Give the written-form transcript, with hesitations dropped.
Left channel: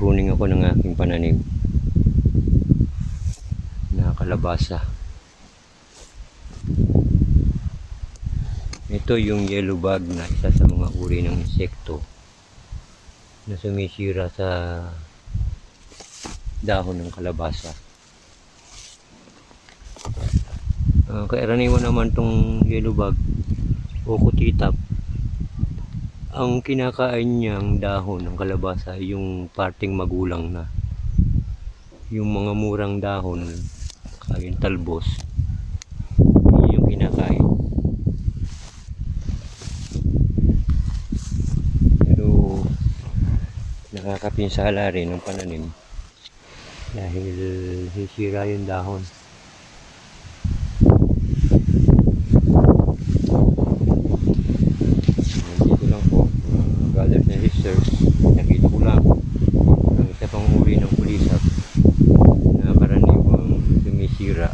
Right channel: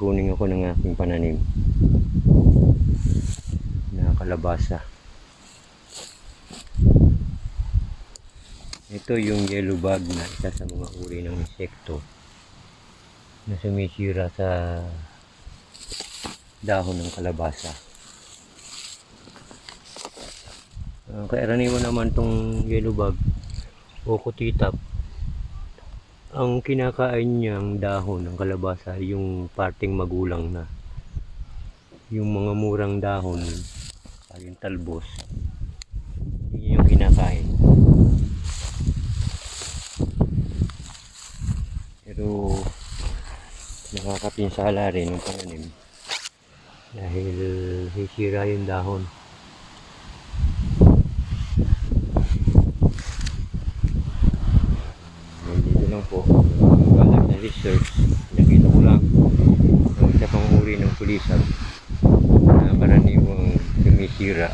Nag-pruning ako ng aking pananim na kalabasa. Ito yung yellow bug na isa sa mga uri ng insekto na sumisira sa dahon ng kalabasa. Karaniwan naman tong yellow bug o kutitap, ang kinakain niyang dahon ng kalabasa ay yung parting magulang na, yung mga murang dahon, yung talbos, yun yung kinakain. Pero nakakapinsala rin ng pananim dahil sisira yung dahon. Dito lang po, brothers and sisters, nakita ko lang ng isa pang uri ng kulisap na karaniwang sumisira